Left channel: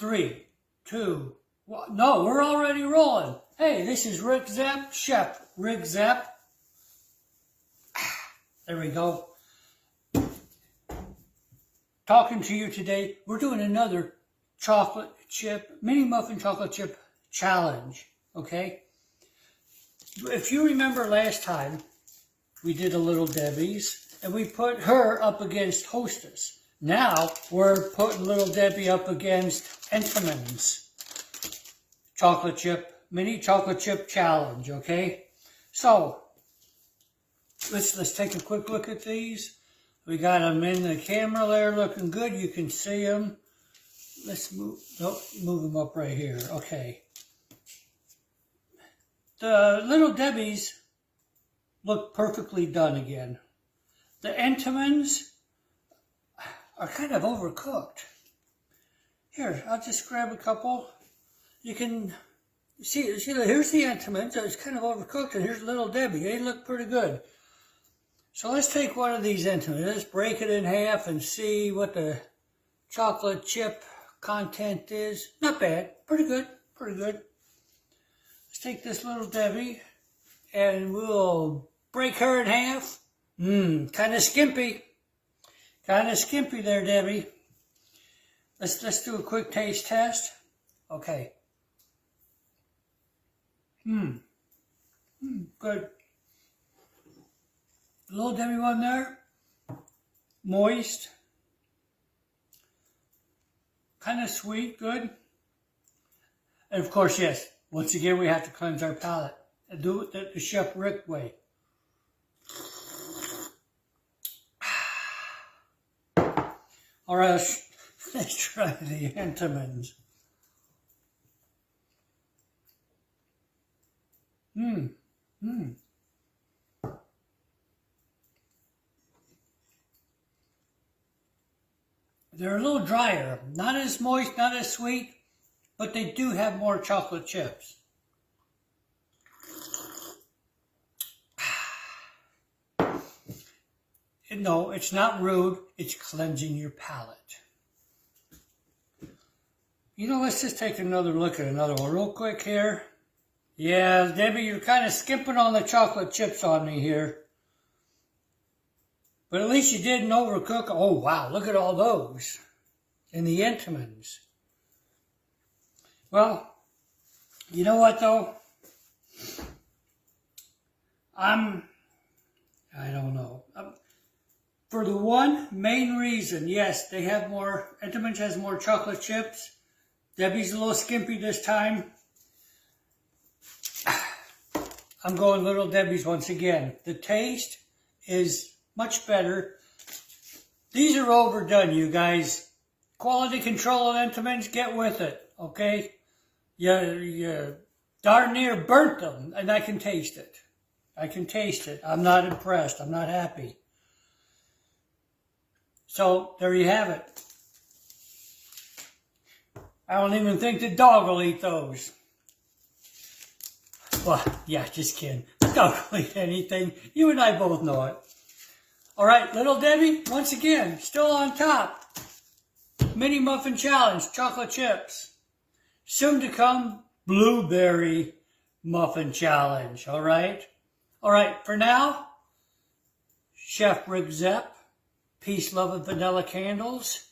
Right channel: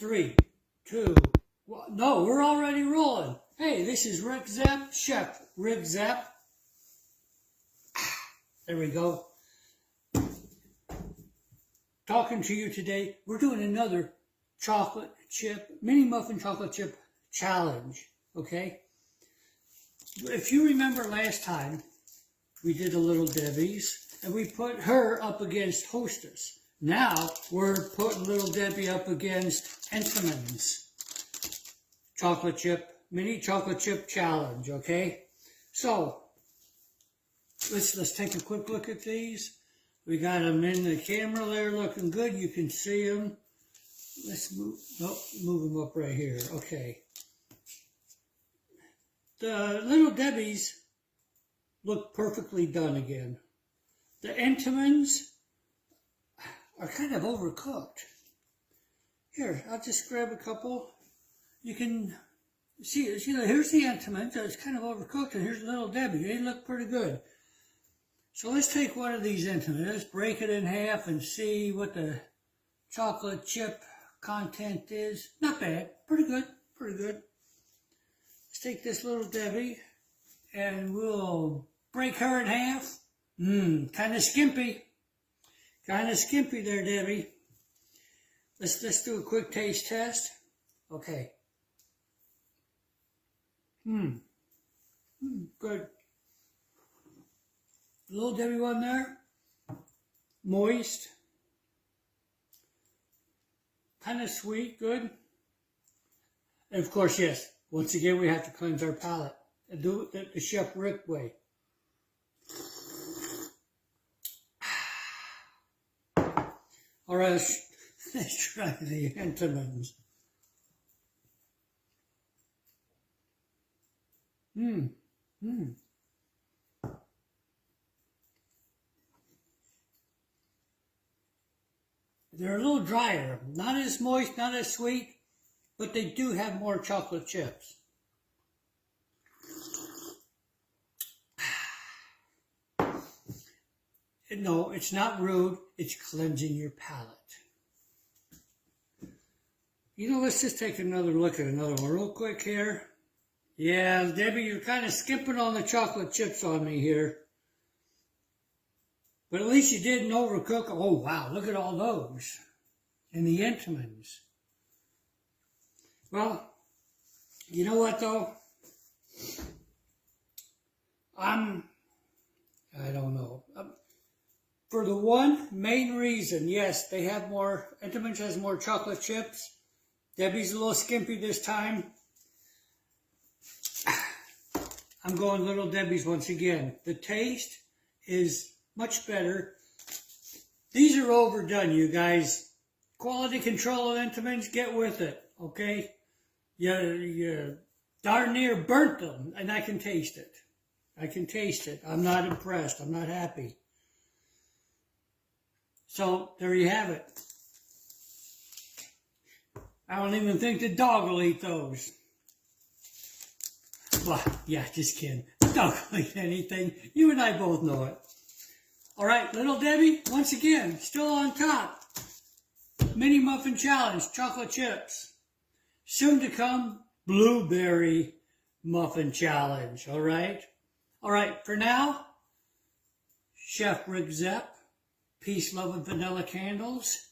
3, 2, 1. No, we're already rolling. Hey, this is Rick Zepp, Chef Rick Zepp. There we go. Talking to you today. We're doing another chocolate chip, mini muffin chocolate chip challenge. Okay? If you remember last time, we did a Little Debbie's, and we put her up against Hostess. Now, we're putting Little Debbie up against Entenmann's chocolate chip, mini chocolate chip challenge, okay? So, let's take a quick look at these. We got them in the camera there looking good. You can see them. Let's move them up right here. Okay. The Little Debbie's look perfectly done again. The Entenmann's are kind of overcooked. Here, I'll just grab a couple. You can see here's the Entenmann's. It's kind of overcooked, and here's Little Debbie. They look pretty good. So let's take one of these Entenmann's. Let's break it in half and see what the chocolate chip content is. Not bad. Pretty good. Pretty good. Let's take this Little Debbie and we'll break her in half. Kind of skimpy. Kind of skimpy there, Debbie. Let's do a quick taste test. Okay. Good. Little Debbie one there. Moist. Kind of sweet. Good. And of course, yes, once again, we have to cleanse our palate and do it the Chef Rick way. All right, let's try the Entenmann's. They're a little drier, not as moist, not as sweet, but they do have more chocolate chips. No, it's not rude, it's cleansing your palate. You know, let's just take another look at another one real quick here. Yeah, Debbie, you're kind of skipping on the chocolate chips on me here. But at least you didn't overcook. Oh, wow, look at all those. And the Entenmann's. Well, you know what, though? I don't know. For the one main reason, yes, they have more, Entenmann's has more chocolate chips. Debbie's a little skimpy this time. I'm going Little Debbie's once again. The taste is much better. These are overdone, you guys. Quality control of Entenmann's, get with it, okay? You darn near burnt them, and I can taste it. I can taste it. I'm not impressed. I'm not happy. So, there you have it. I don't even think the dog will eat those. Well, yeah, just kidding. The dog will eat anything. You and I both know it. All right, Little Debbie, once again, still on top. Mini Muffin Challenge, chocolate chips. Soon to come, Blueberry Muffin Challenge, all right? All right, for now, Chef Rick Zepp, peace, love, and vanilla candles.